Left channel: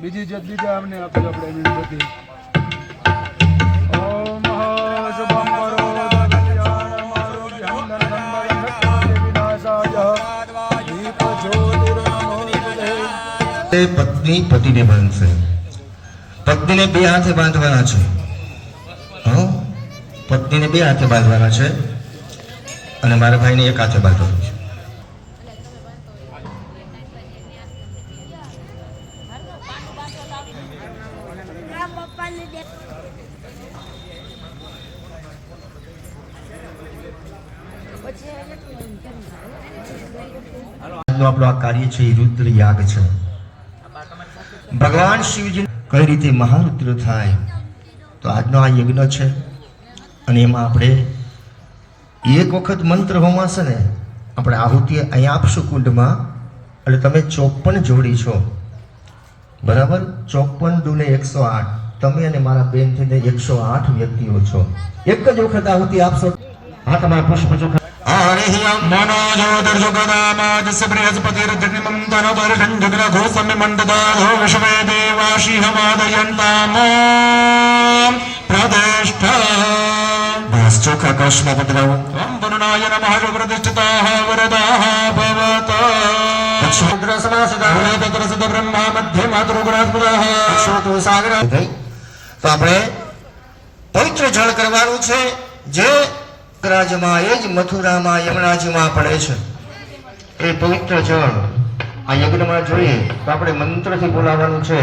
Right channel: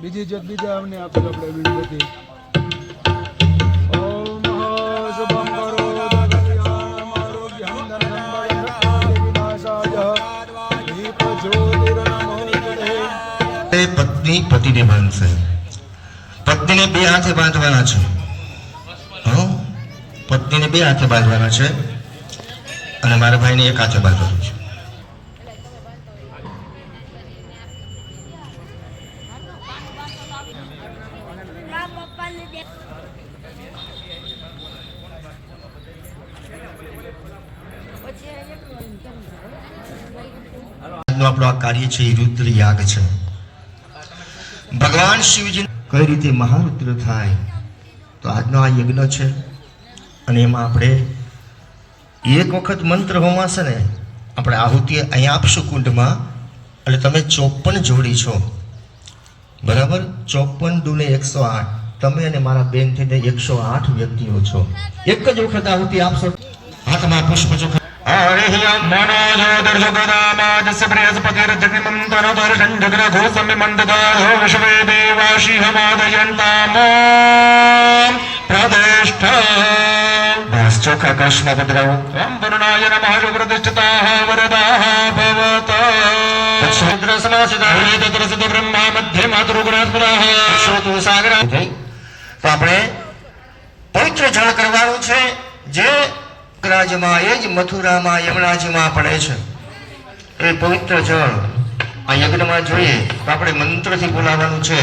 બીજી જોત બીજા અમને આપી આપણે મીણબત્તી. ઓમ શુભં પત્ની પતિને બાંધશે. પત્નીને બે હાથે બાંધવાના છે. પત્નીને બે હાથે બાંધવાના છે અને મારા ભાઈને એક હાથે બાંધવાનું છે. આપણું આ કાર્ય છે એ રુદ્ર યાગ છે. ભગવાન શિવજી કઈ રીતે મહારુદ્ર થાય તો આજનો આ યજ્ઞ છે અને એમાં આપણે એક વખત મંત્ર હોમાશે ને આપણે આહુતિ અહીંયા આપશું કુંડમાં એટલે તમે 54 જોડી છો બરાબર. 54 દુને 108. તમે અને મારા બેન થઈને 108 વ્યક્તિઓ છો. એક જ વખત આહુતિ આપશો. હા તમારા પુષ્પ ચોખા ચોખા કળશમાં પધરાવો. ઓમ વરુણાય નમઃ જો પ્રતિષ્ઠિતાઃ વરદાઃ ભવત. તો આપણે પવિત્ર જળ કરવાનું છે જે રાજમાં એ જ મથુરામાં યમરાજમાં પડે છે. એ પવિત્ર જળ આ યજ્ઞમાં જોઈએ તો આપણે મંત્રથી બોલાવવાનું છે.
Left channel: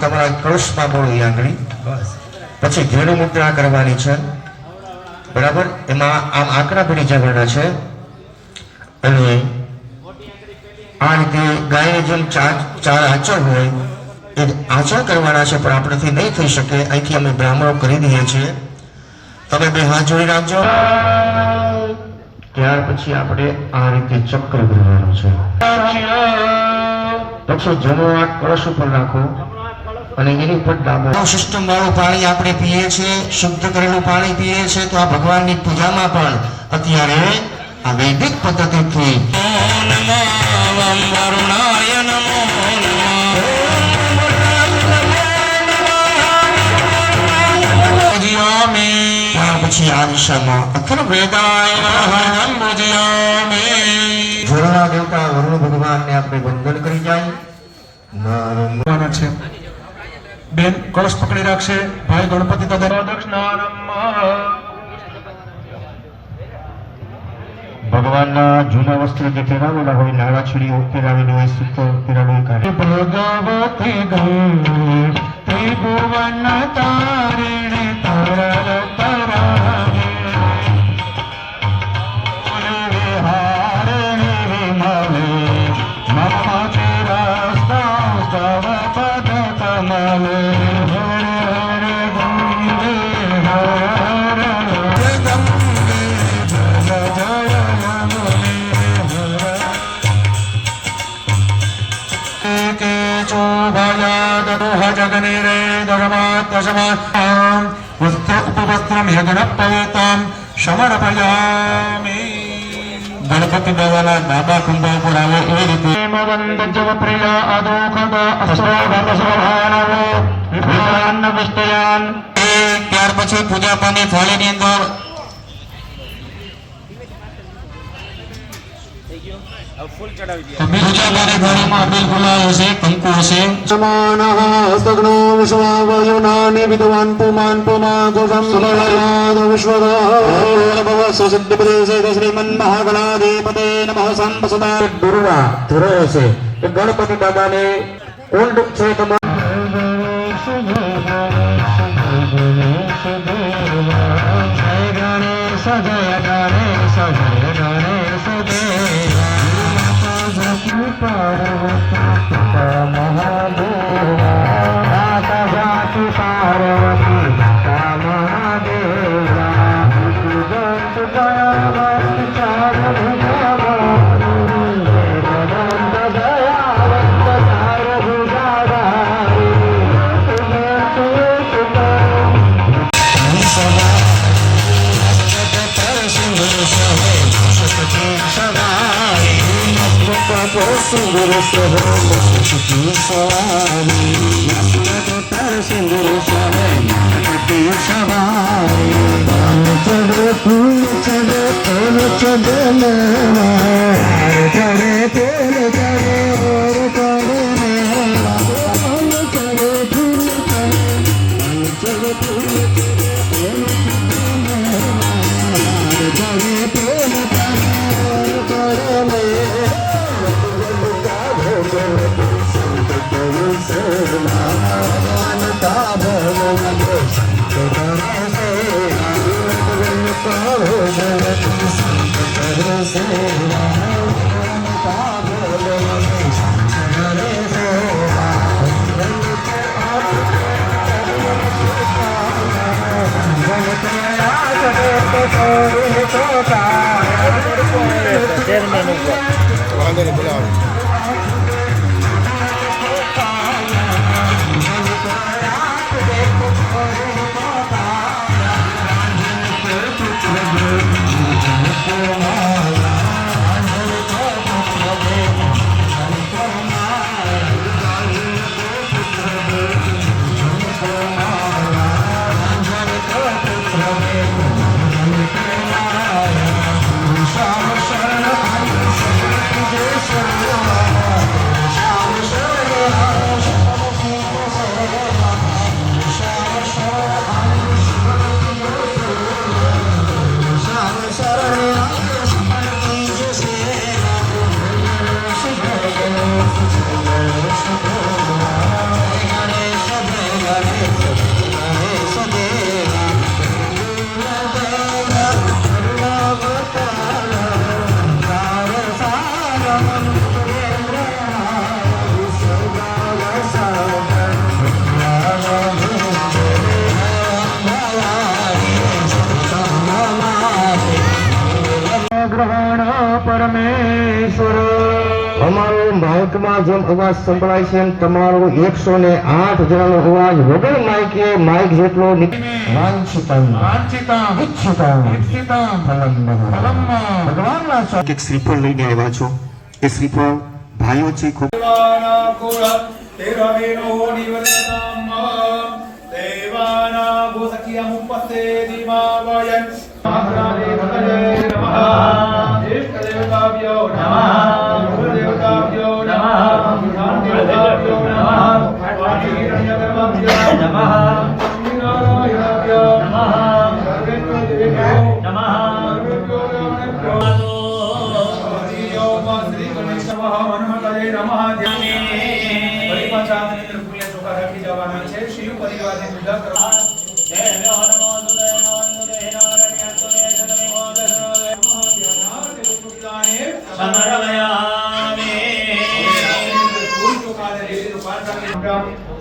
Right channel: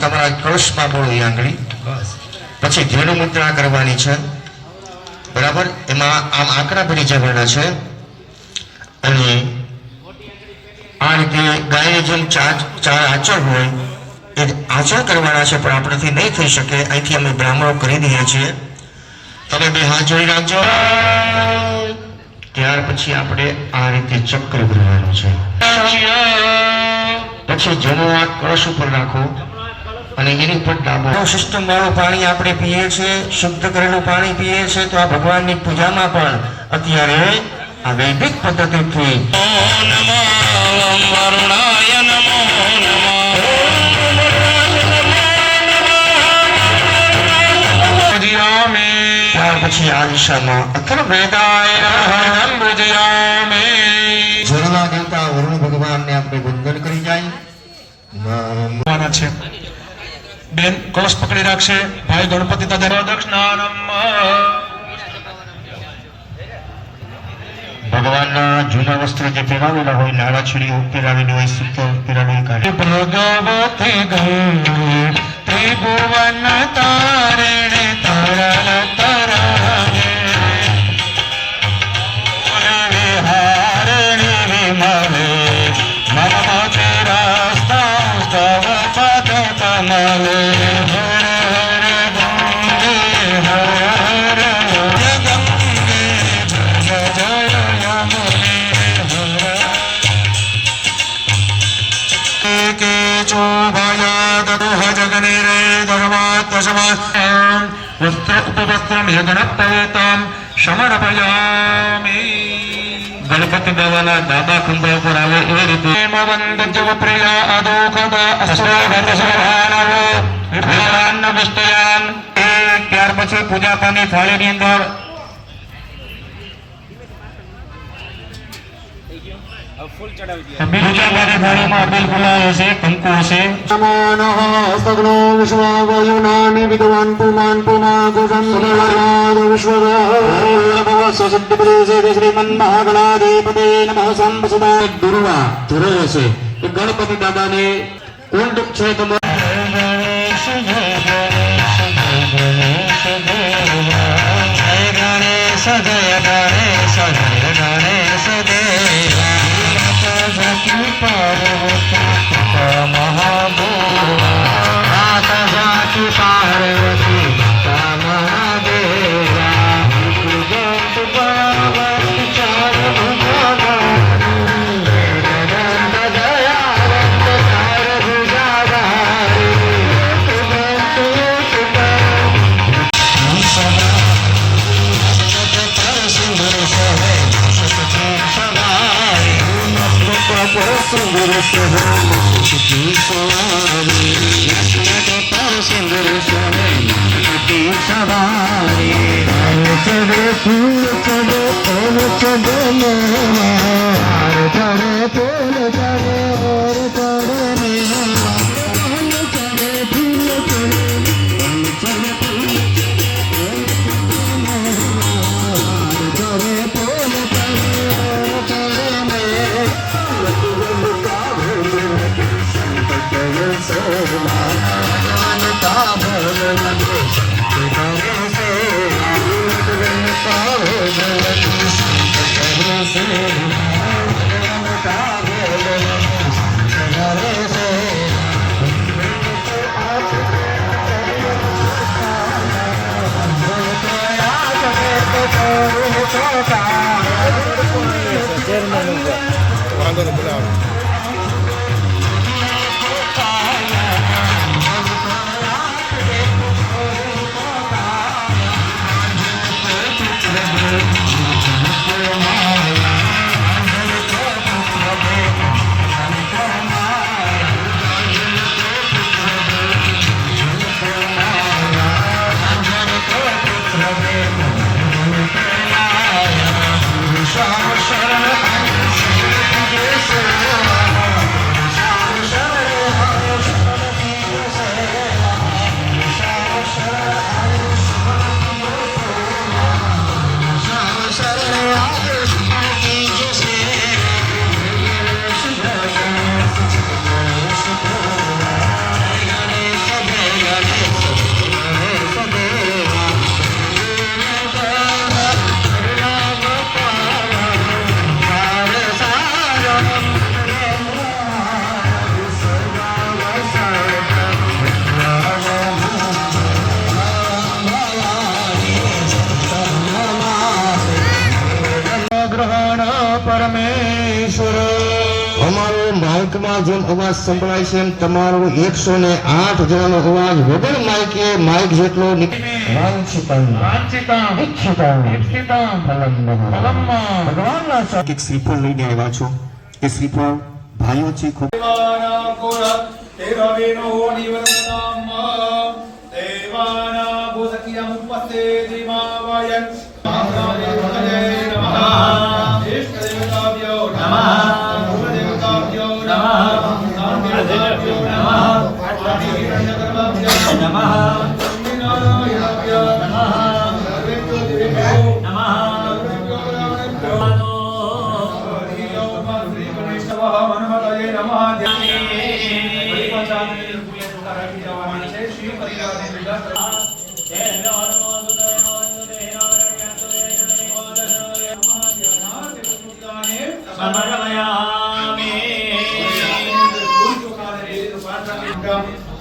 તમારા કળશમાં બોલો એ આંગળી. પછી ધ્યેય મુદ્રા કરવાની છે બરાબર. એમાં આમ આંકડા ભરી જવાના છે અને આ રીતે ગાય જેમ ચાર આચર હોય એ આચર કરવાના છે પણ આપણેથી નહીં થઈ શકે. અહીંથી અમે બ્રાહ્મણો કરી દઈએ છીએ. તમે બે હાથ જોડી રાખજો. ત્યાર પછી આપણે આ રીતે ચક્ર ભરવાનું છે. પછી જમણો હાથ કળશ ઉપર રાખો અને એની ઉપર ડાબો. સિસ્ટમ વાળું પાણી આપણે પીએ છીએ, શુદ્ધ કરેલું પાણી પીએ છીએ. તો આ ભગવાનની પૂજામાં પણ અત્યારે આ વૈદિક પદ્ધતિથી પછી આ દિશામાં અખિલ વેદાય જળના દેવતા વરુણ ભગવાનને આપણે વંદન કરી જાય છે. બેન કળશ પકડી રાખશે. ભાઈ ગણપતિ ભગવાનના જૂના વસ્ત્ર જે પહેરાવેલા હોય, નાળા છીડીઓ પહેરાવેલી હોય, સૂતો પહેરાવેલી કાઢે. ભગવતી ગૌરી ભુવન તારિણે તારા ગણપતિ બાબાના ડાબા ખંભા ઉપર આવે એ રીતે ત્યાર પછી પૂજા પાની થાળીની અંદર ગણપતિ દાદા ને કુંડ છે સિંદૂર સહન સુખી સવારી સિંદૂર સહન સુખી સવારી ચડે ફૂલ ચડે તેલ ચડે મે ચડે ફૂલ ચડે ઓર ચડે મે ચડે ફૂલ ચડે ફૂલ વાંધો નહીં બોલાવો. માઇકમાં જેમ અવાજ સંભળાય છે એમ તમારો 108 જણાનો અવાજ વગર માઇકે માઇક જેટલો ભગવાનના એક શ્રીફળ લઈને આવ્યા છો. એ શ્રીફળ ભાઈઓ છે ખૂબ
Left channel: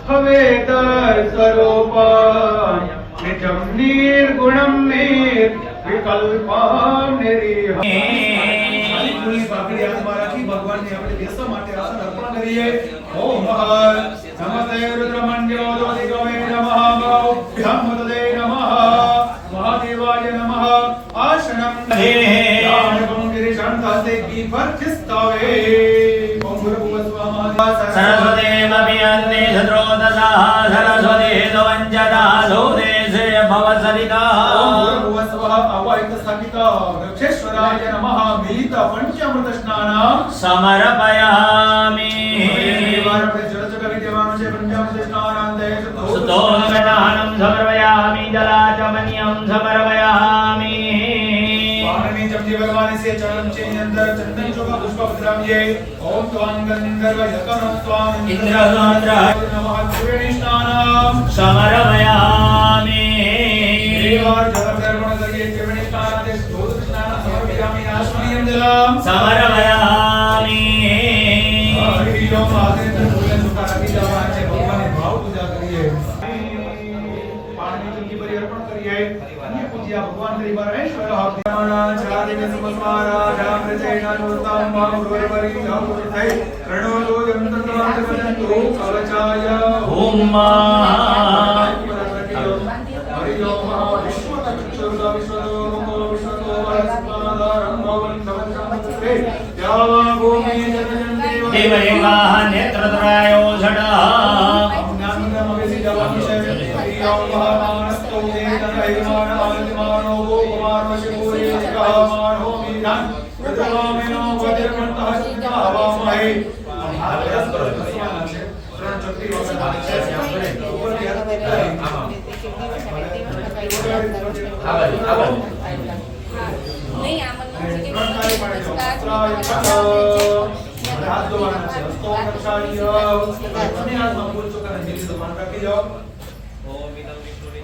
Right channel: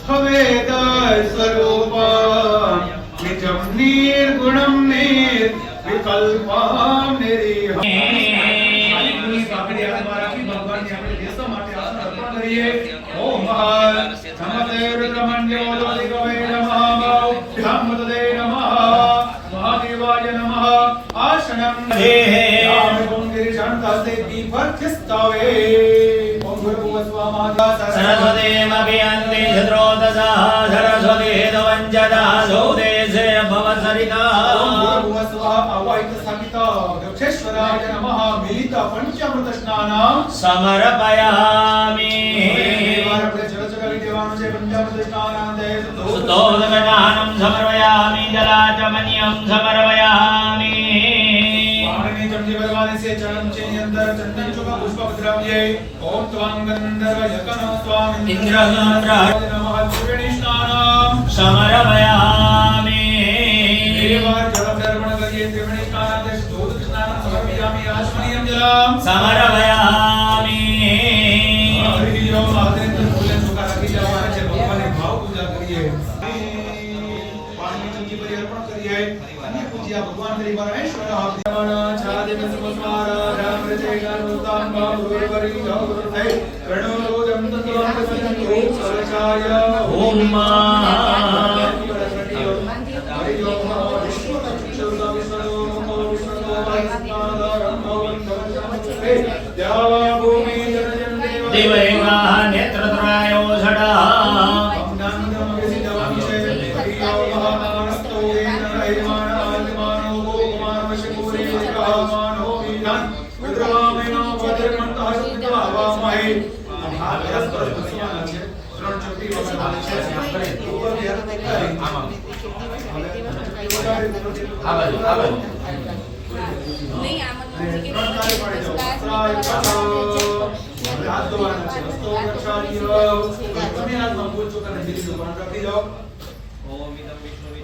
हवेद स्वरूप निजम निर्गुणम निर्विकल्पम निरीह भगवान ने अपने देशों માટે આસન અર્પણ કરીએ. ઓમ નમસ્તે રુદ્રમણ્યો દેવે નમઃ બ્રહ્મદે નમઃ મહાદેવાય નમઃ આસનમ દેહે ગિરી શાંતાસે દીપર ચિસ્તાવે ઓમ ગુરુવસ્વામા सरस्वतीमभियन्ते शत्रोदशः सरस्वती वञ्चना सोदेशे भवसरिता वृक्षेश्वराय नमः मिलित पंचामृत स्नानं समर्पयामि सुतोमेदानं समर्पयामि जलाचमन्यं समर्पयामि भगवान से चरण चिन्ह अंदर चंदन चोका पुष्प पधरामिए. ओम त्वां गंधर्व यकनो त्वां इंद्रगात्राय नमः त्रिवेणी स्नानं समर्पयामि. देवार जलकर्मण करिए त्रिवेणी स्नानादे स्तोत्र स्नानं समर्पयामि. आश्वनीयं जलम समर्पयामि. हरि ओम आदित्य फूले सुखा रखी जलवान से भगवान ने भाव पूजा करिए. पानी चमची पर अर्पण करिए. अन्य पूज्य भगवान श्री परमेश्वर देव दैमान आदिमानो कुमार शिपूरे कामानो मीनान रुद्रवामिनो वज्रमंतः शक्तिता हवामहे महारस परस्वान છે ત્રણ ચપટી વાળા છે ઉપર ધ્યાન આમાં નહીં આમાં ત્રણ તાળી પાડી દો ત્રાય પટો હાથ ધોવાના છે હસ્તો રક્ષાણીય જમીનાથમાં ભૂલ ચૂકાને જીતી દો પાન રાખી જાઓ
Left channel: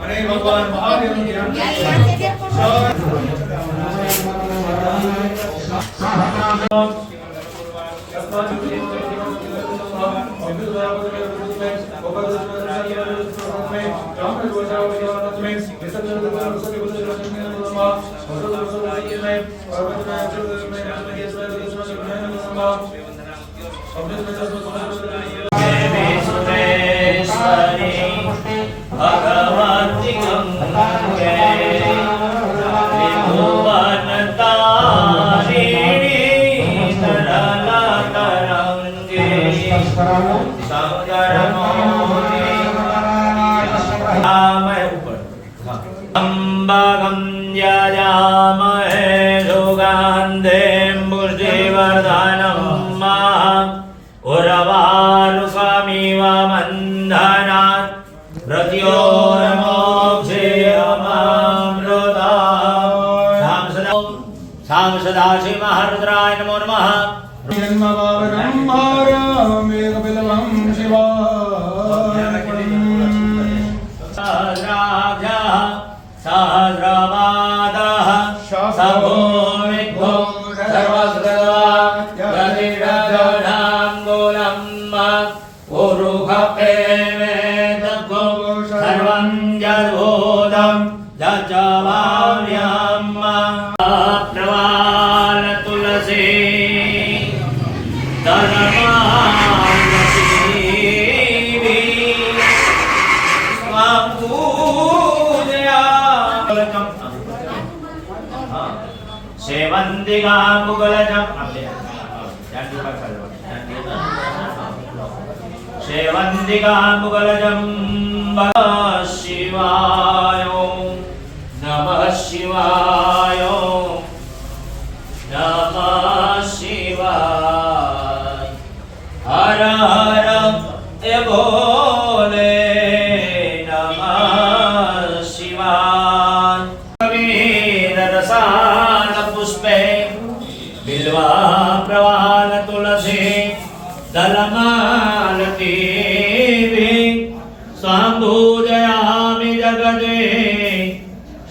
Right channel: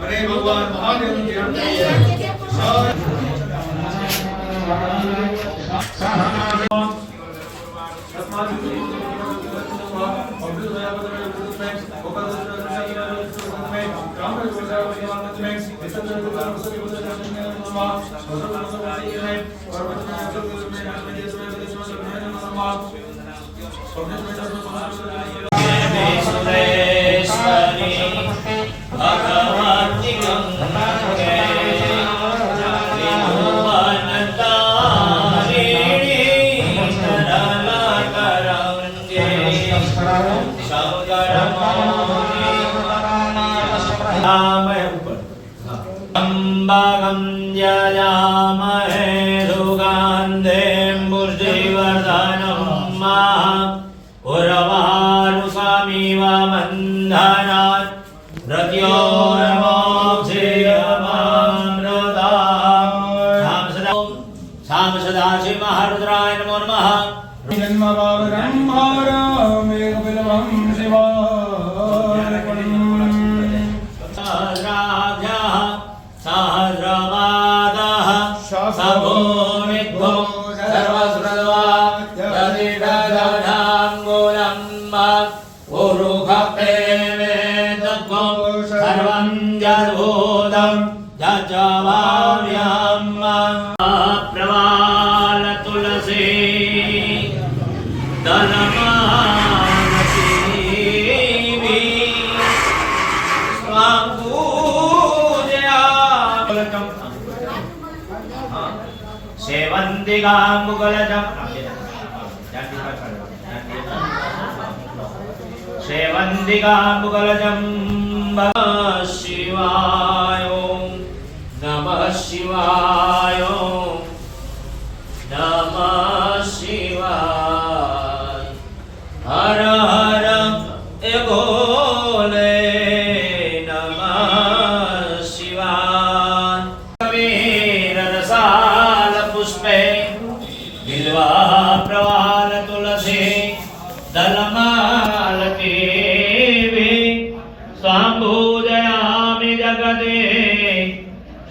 અને ભગવાન મહાદેવનું ધ્યાન सुरेश्वरी भगवती गंगे त्रिभुवनतारिणी तरलतरङ्गे शङ्करमौनि अम्बगं यजामहे सुगन्धिं पुष्टिवर्धनं उर्वारुकमिव बन्धनात् मृत्योर्मोक्षेयमामृतात् सांसदासि महारुद्राय नमो नमः जन्मवावरं भारमेकबिलवं शिवार्पणम् सहस्राभ्यः सहस्रपादः सभूमिद्भो सर्वस्कृत्वा यदिदगौधाङ्गुलम् उरुखप्रेमेतद्भो सर्वं यद्भूतं यच्चवाम्यहम् प्रवाल तुलसी सेवंतिका मुगलजम सेवंतिका मुगलजम शिवाय नमः शिवाय नमः शिवाय हर हर भोले नमः शिवाय रसाल पुष्पे बिल्वा प्रवाल तुलसी दलमालती स्वाम्भूजयामि जगदे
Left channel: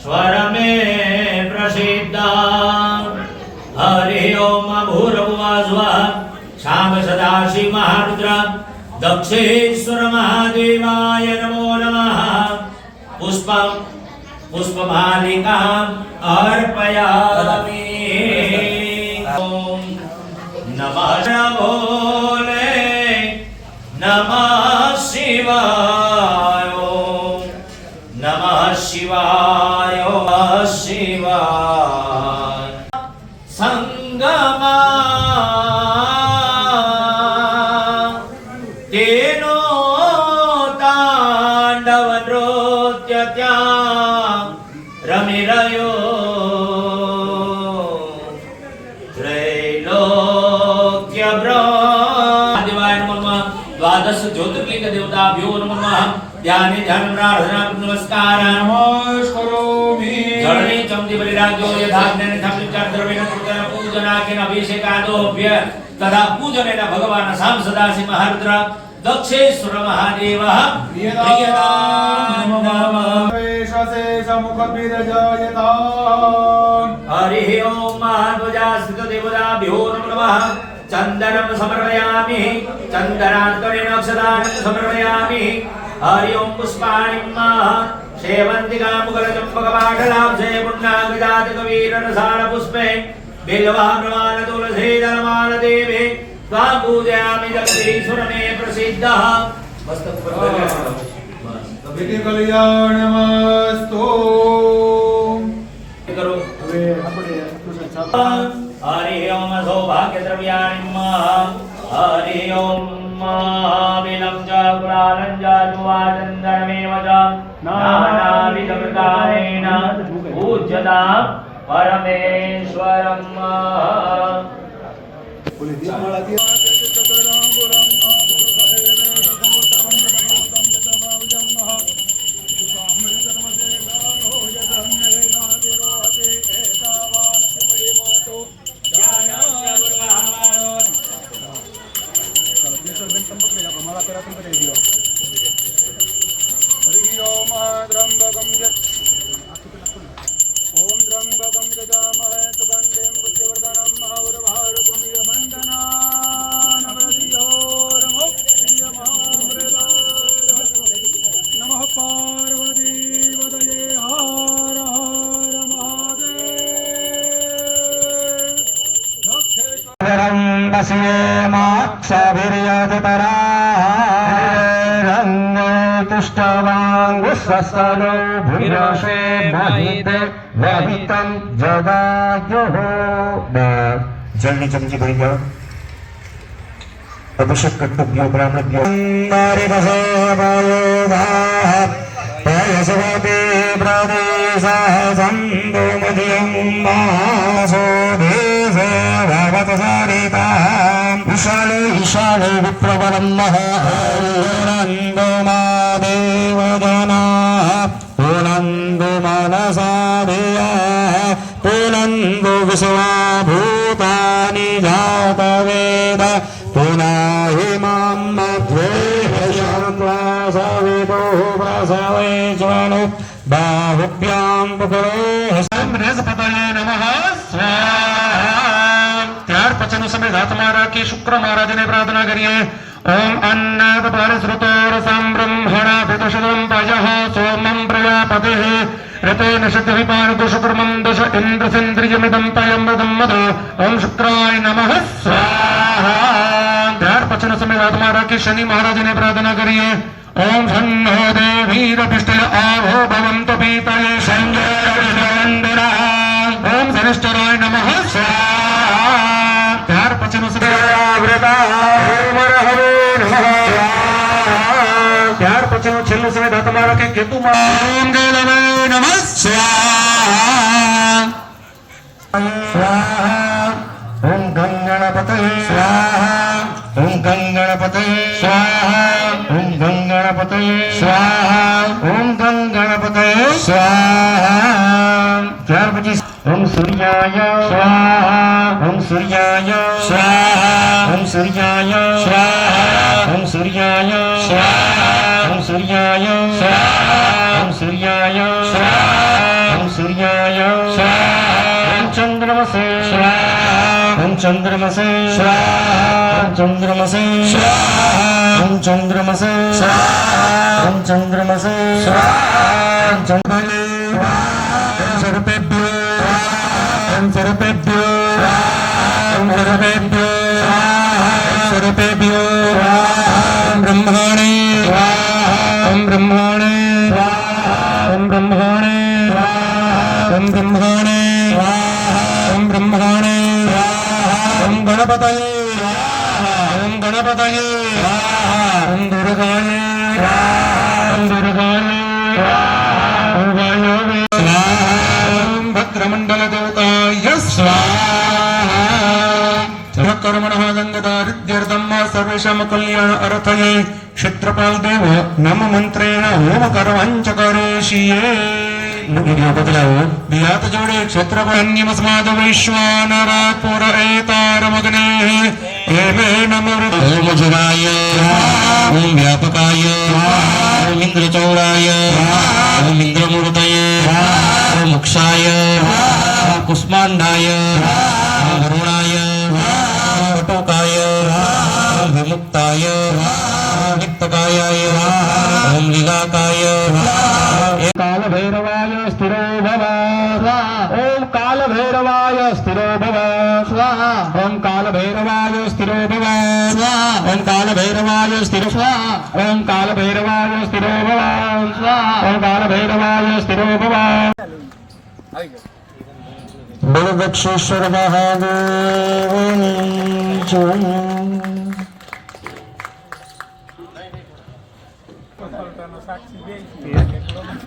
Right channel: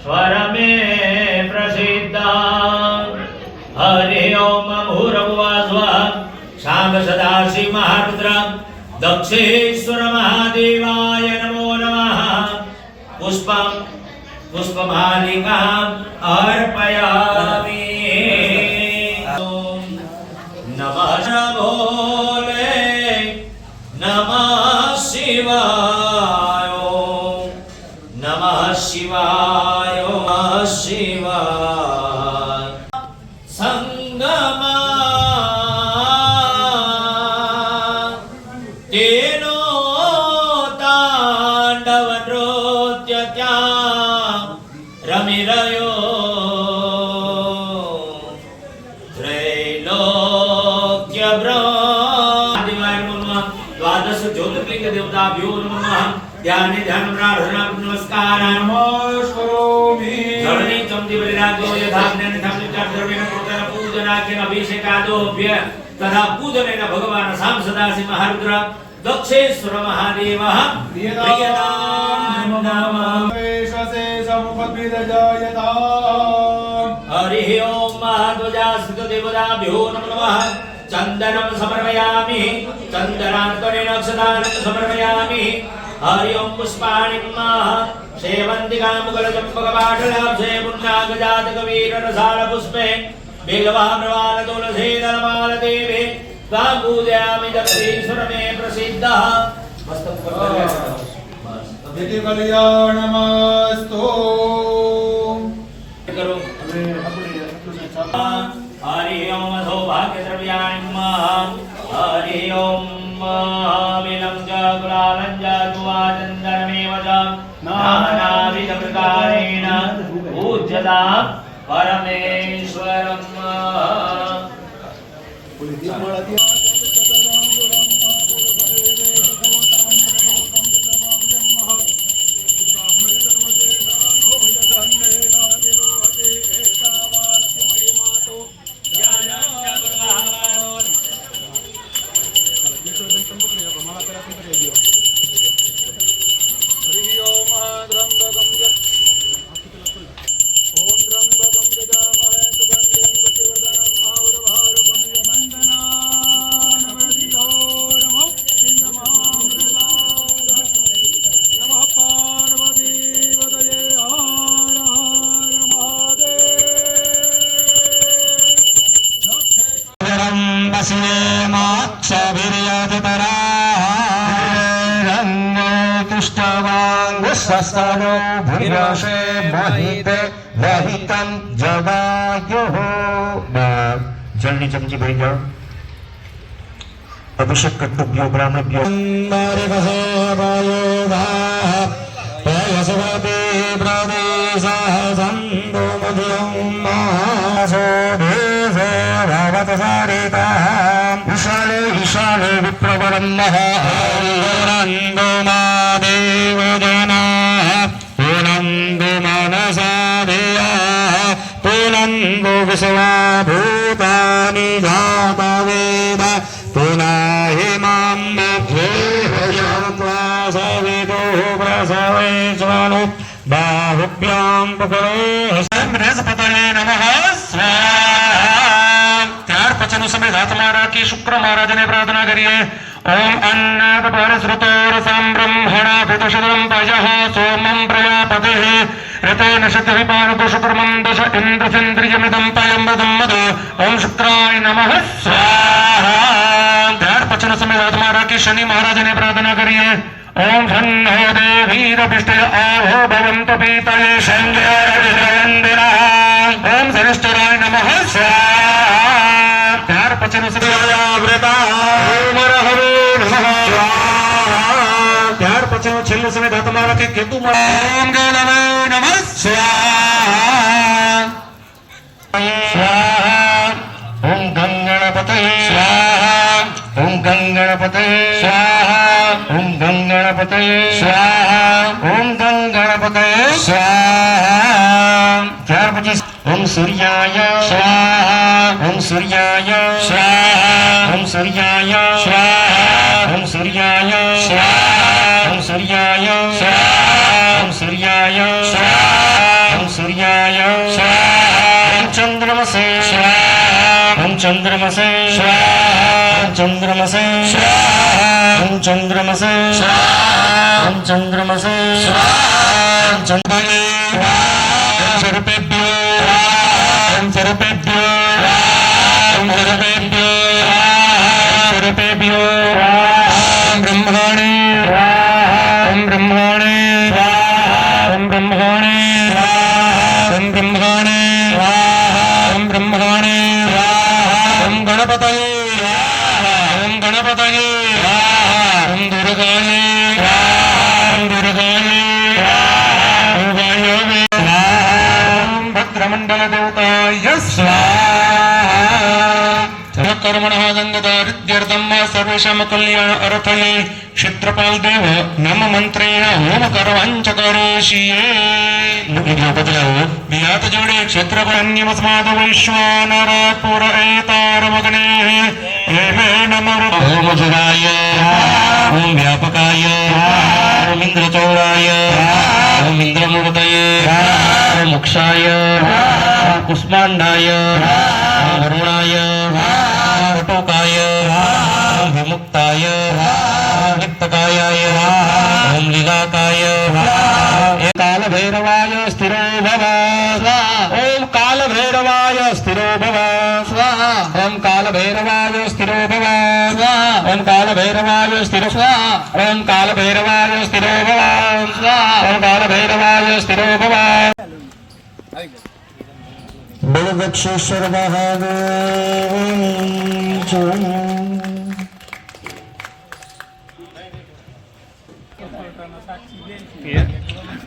स्वर में प्रसिद्धा हरि ओम भूर्भुवः स्वः शाम सदाशिव महारुद्र दक्षेश्वर महादेवाय नमो नमः पुष्पं पुष्पमालिकाम् अर्पयामि नमः भोले नमः शिवाय नमः शिवाय नमः शिवाय संगमा तेनो तांडव नृत्य त्या रमि रयो त्रैलोक्य ब्रह्मादिवाय नमः द्वादश ज्योतिर्लिंग देवताभ्यो नमः ध्याने ध्यान प्रार्थना नमस्कार नमस्करोमि जड़ने चमदी बलिराजो यथाग्नेन थपलिकार द्रव्येन कृतेन पूजनाखेन अभिषेकादोभ्य तथा पूजनेन भगवान् साम सदाशिव महारुद्र दक्षेश्वर महादेवः प्रियतां नमः वेशसे समुखद्विरजयता हरि ओम महाध्वजास्थित देवताभ्यो नमः चन्दनं समर्पयामि चन्दनात्मनेन अक्षतानं समर्पयामि हरि ओम पुष्पाणि सेवन्तिका मुगलचम्पकपाटलाब्धे पुण्डाभिजातकवीररसाल पुष्पे बिल्वा प्रवाल तुलसी दलमाल देवी त्वां पूजयामि जगदीश्वर मे प्रसिद्धः विधि कल्याणमस्तु करो हरि ओम सौभाग्यद्रव्याणि हरि ओम विलं च गुलालं च दुवाचन्दनमेव च नानाविधप्रकारेण पूज्यता परमेश्वरम् तुष्टवांगुस्वस्तनो भूरशे महिते वहितं जगायुः जलने चमचे भरी जाओ अभिषेक कर्तव्यो ब्राह्मणभ्यो पयसवते प्रदेशः सन्दो मध्यं मासो देशे भवत सरिताम् ईशाने ईशाने विप्रवरं महानन्दो मादेवजना पुनन्दो मनसा देया पुनन्दो विषया भूतानि जातवेद पुनहिमां सवितो प्रसवेशनु बाहुभ्यां बृहस्पतये नमः ત્યાર પછીનો સમય હાથમાં રાખી શુક્ર મહારાજને પ્રાર્થના કરીએ ઓમ અન્નાદ પરશ્રુતોરસં બ્રહ્મણા ભૂતશુદ્રં પજઃ સોમં પ્રજાપતિઃ ऋतेन शतः पारदोषकर्मं दश इन्द्रसेन्द्रियमिदं पालं वदं मद ओम शुक्राय नमः स्वाहा ત્યાર પછીનો સમય હાથમાં રાખી શનિ મહારાજને પ્રાર્થના કરીએ ओम धन्नो देवीरभिष्टय आवो भवन्तु पीतये शङ्गेरविषवन्दिनः ओम धनिष्ठराय नमः स्वाहा ત્યાર પછીનો સમય વ્રતામરહવે નમઃ ત્યાર પછીનો છેલ્લો સમય હાથમાં રાખી કેતુ ઓમ ગણવે નમઃ स्वाहा स्वाहा ओम गंगणपतये स्वाहा ओम गंगणपतये स्वाहा ओम गंगणपतये स्वाहा ओम गंगणपतये स्वाहा ત્યાર પછી ओम सूर्याय स्वाहा ओम सूर्याय स्वाहा ओम सूर्याय स्वाहा ओम सूर्याय स्वाहा ओम सूर्याय स्वाहा ओम सूर्याय स्वाहा ओम सूर्याय स्वाहा ओम चंद्रमसे स्वाहा ओम चंद्रमसे स्वाहा ओम चंद्रमसे स्वाहा ओम चंद्रमसे स्वाहा ओम चंद्रमसे स्वाहा ओम चंद्रमसे ओम सर्पेभ्यो ओम सर्पेभ्यो ओम सर्पेभ्यो ओम सर्पेभ्यो ओम ब्रह्मणे ओम ब्रह्मणे ओम ब्रह्मणे ओम ब्रह्मणे ओम ब्रह्मणे ओम गणपतये ओम गणपतये ओम दुर्गाये ओम दुर्गाये ओम वायवे ओम भद्रमण्डल देवताय स्वाहा कर्मणः गंगदारिद्यर्थं सर्वेषां कल्याण अर्थये क्षेत्रपाल देव नम मंत्रेण होम कर्मांच करोषिये बदलाओ बियात जोड़े क्षेत्रपान्यमस्माद वैश्वानर पुर एतारमग्ने एवे नमः ओम जुगाय ओम व्यापकाय ओम इंद्रचौराय ओम इंद्रमूर्तये ओम मोक्षाय ओम कुष्माण्डाय ओम वरुणाय वटोकाय ओम विमुक्ताय ओम वित्तकायाय ओम लीलाकाय काल भैरवाय स्थिरो भव ओम काल भैरवाय स्थिरो भव ओम काल भैरवाय स्थिरो भव ओम काल भैरवाय स्थिरो ओम काल भैरवाय स्थिरो भव ओम काल भैरवाय स्थिरो भव बोलो दक्षेश्वर महादेव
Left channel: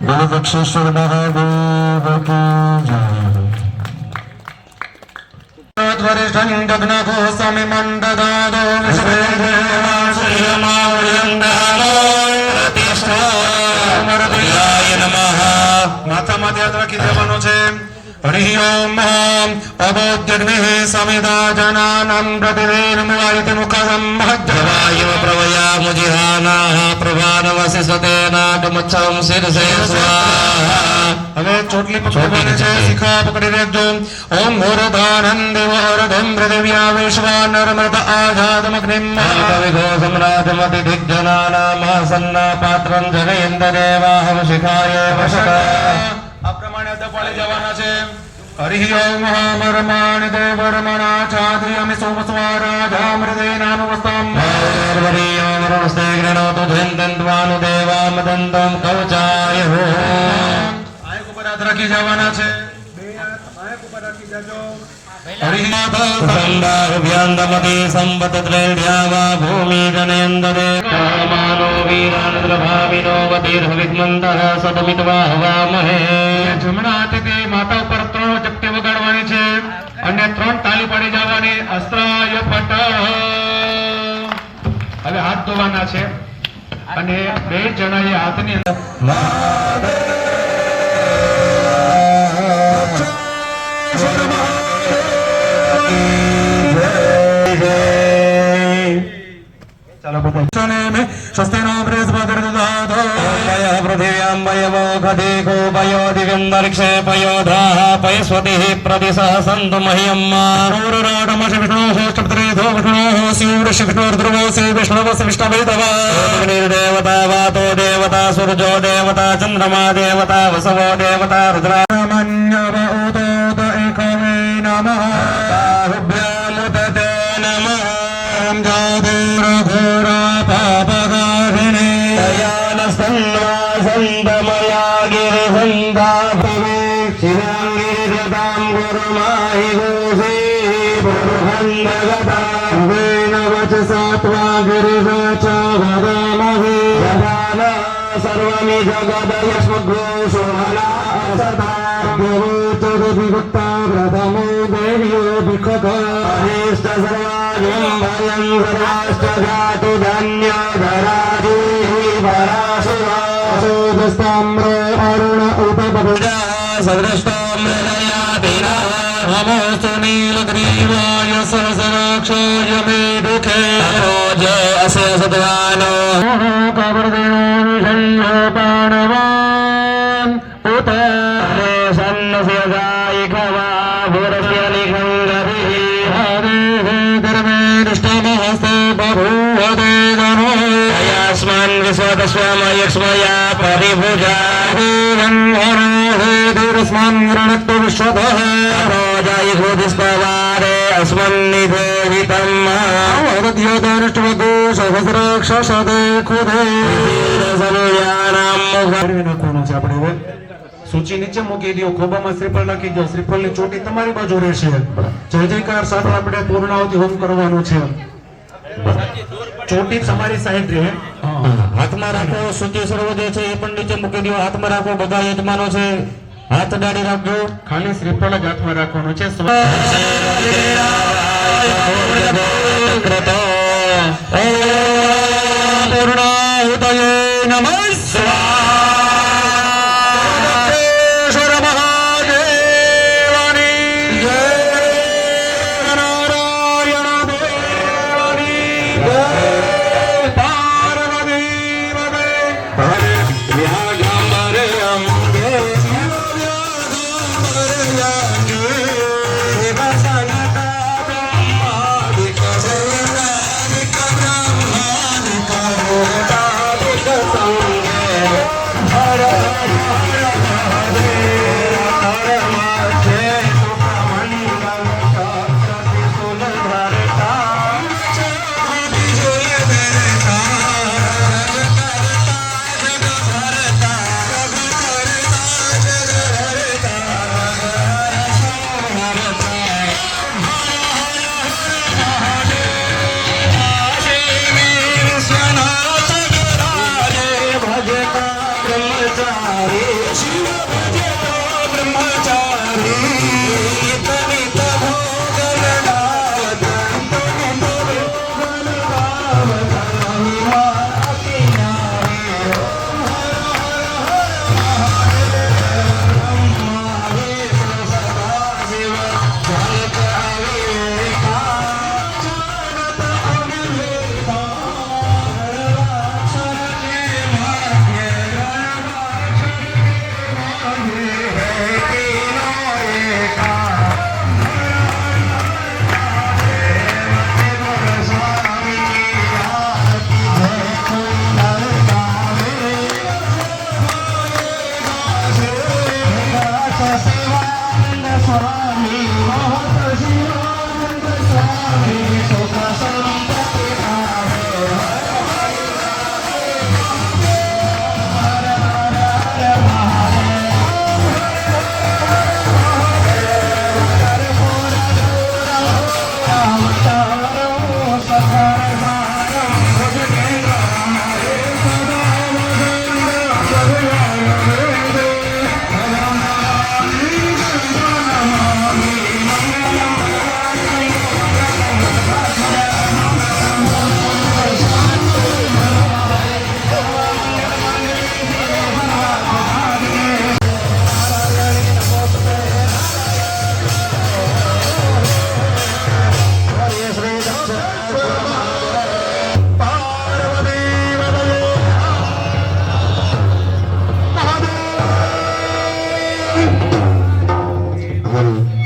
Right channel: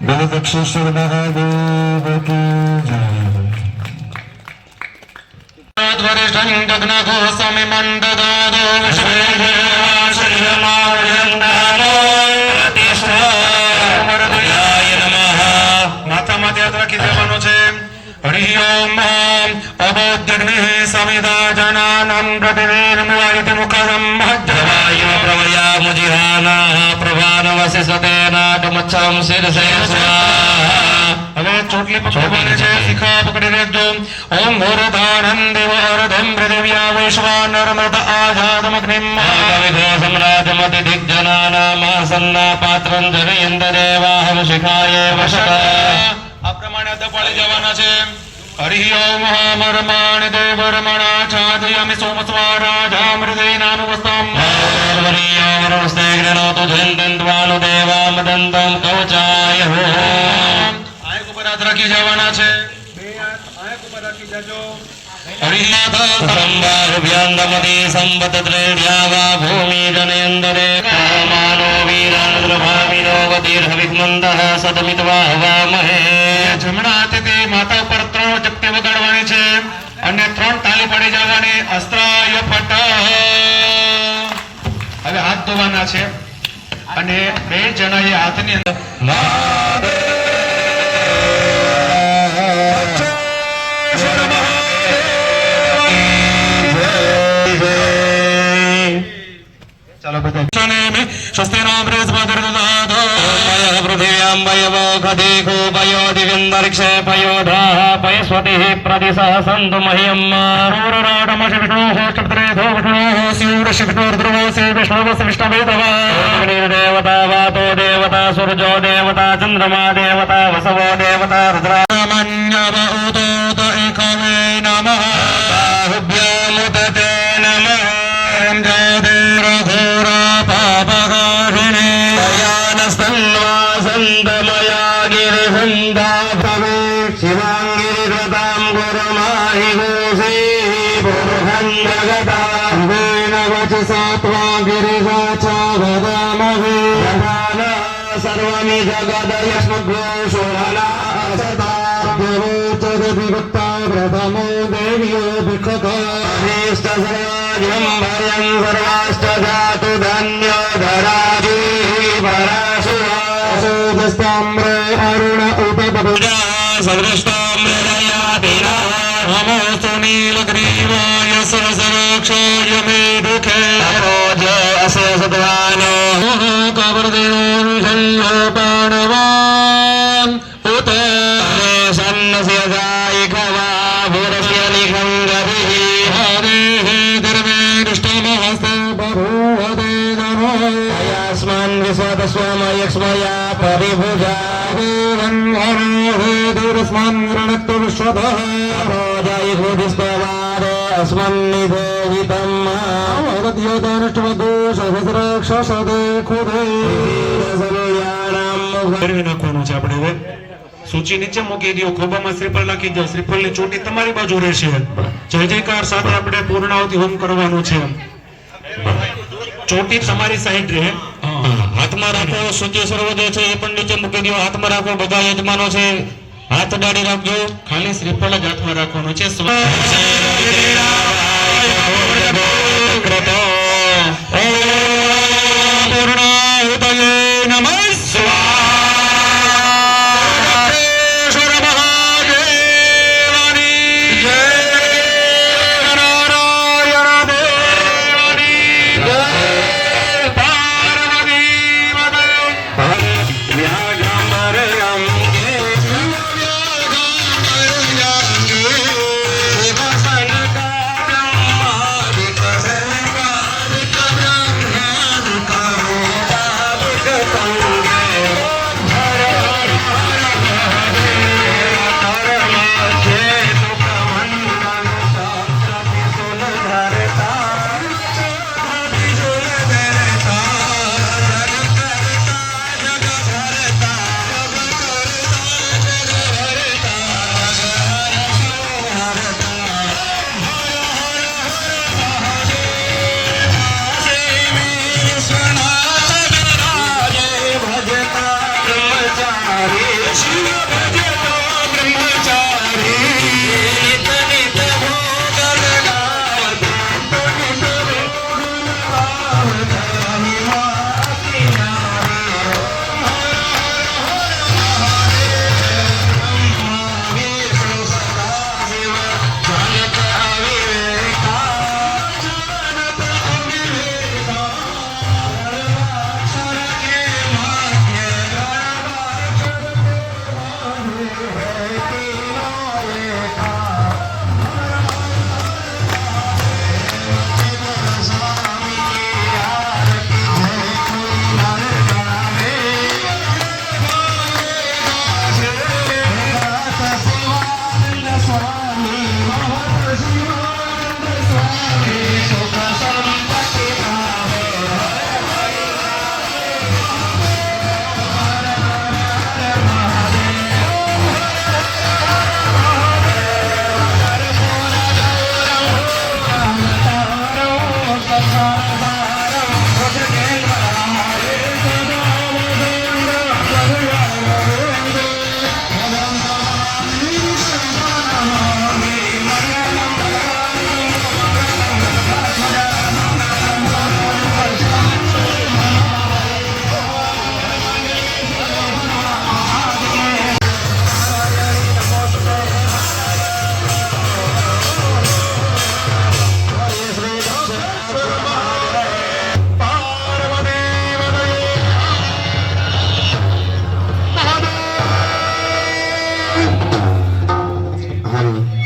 बोलो दक्षेश्वर महादेव की जय। वरिष्ठं दग्नघो समिमण्डगादो हरि ओम अबोध्यग्निः समिदा जनानां प्रतिवेदनमयति मुखं महद्भवाय प्रवयामुजिहानाः प्रभानवसिसते नाटमच्छं शिरसे स्वाहा। હવે ચોટલી પકડવાની છે, શિખા પકડી રાખજો. ઓમ મુરદાનંદ વરદમ પૃથિવ્યા વિશ્વાનર્મદ આઝાદમગ્નિમ મહાકવિઘો સમ્રાજમતિ દિગ્જનાનામાસન્ના પાત્રં જનયન્ત દેવાહમ શિખાય વશત. આ પ્રમાણે અદપાળે જવાના છે. હરિ ઓમ મરમાણ દેવરમણા છાદયામિ સોમસ્વારાજામૃતે નામવસ્તામ વરીયમૃસ્તે ગૃણોતુ ધ્વંતન્ત્વાનુ દેવામદંતમ કવચાય હો. આંખ ઉપર હાથ રાખી જવાના છે. બે હાથ આંખ ઉપર રાખી જજો. હરિનાથ સંદાભ્યંદમતિ સંવતત્રૈઢ્યાવા ભૂમિ જનેન્દરે માનો વીરાન પ્રભાવિનો ગતિર્હવિદ્મંતઃ સદમિત્વા હવામહે. જમણા હાથેથી માથા ઉપર 3 ચપટી વગાડવાની છે અને 3 તાલી પાડી જવાની. અસ્ત્રાય ફટ. હવે હાથ ધોવાના છે અને બે જણાએ હાથની અંદર ચાલો બધા સ્વસ્તિનામ બૃહસ્પતિર્દધાતો પૃથિવ્યામ વયવો ખદેખો પયો દિગંતરિક્ષે પયોધાઃ પયસ્વતિઃ પ્રતિસહ સન્તુ મહ્યમ. રૂરરાટમશ વિષ્ણોઃ ષષ્ઠપત્રેધો વિષ્ણોઃ સ્યુરશ્ય વિષ્ણોર્ધ્રુવોऽસि વિષ્ણુવસ્ય વિષ્ણવેદવા. અગ્નિર્દેવતા વાતો દેવતા સૂર્જો દેવતા ચંદ્રમા દેવતા વસવો દેવતા રુદ્રામન્યવ ઉદોત એકવે નમઃ. બાહુભ્યામુદતે નમઃ. ઘોરા પાપકારિણે દયાનસ્તન્વાસन्तमया गिरिसन्धा भवे शिवाङ्गिरिकृतां गुरुमाहि गोसे पुरुषन्दगता वेन वचसा त्वा गिरिवाचा वदामहे. सर्वमि जगदयस्मद्घोषोहला असता व्यवोचरधिभक्ता प्रथमो देव्यो भिक्षकाष्ट सर्वाज्ञं भयं सर्वाष्टधातु धन्यो धराजीः पराशुवासोदस्ताम्र अरुण उपपपुजा सर्वष्टाम्रयातिना नमोऽस्तु नीलग्रीवाय सहस्राक्षाय मे दुःखे जय अस्य सद्वानो कवर्देवो पाणवान् उत सन्नस्य गायिकवा भूरस्य लिखं गतिः हरेः धर्मेष्टमहस्ते बभूवते गणो यस्मान् विश्वतस्वामयक्ष्मया परिभुजा धीरस्मान् गृणक्तु विश्वतः रोजायुधिस्तवारे अस्मन्निधेहितम् वदद्योतनिष्ठवगो सहस्राक्षसदे खुदे નાખવાનું છે. આપણે હવે સૂચિ નીચે મૂકી દો, ખોબામાં શ્રીફળ નાખી દો. શ્રીફળની ચોટી તમારી બાજુ રહેશે. જય જયકાર સાથે આપણે પૂર્ણાહુતિ હોમ કરવાનું છે. ચોટી તમારી સાઈડ રહે. હાથમાં રાખો. સૂચિ સર્વદે છે એ પણ નીચે મૂકી દો. હાથમાં રાખો. બધા યજમાનો છે હાથ ડાળી રાખજો. ખાલી શ્રીફળ જ હાથમાં રાખવાનું છે. પૂર્ણાહુતયે નમઃ.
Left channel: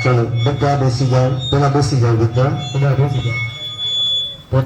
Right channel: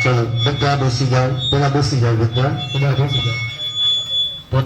ચલો બધા બેસી જાઓ, પેલા બેસી જાઓ, બધા બેસી જાઓ. પોત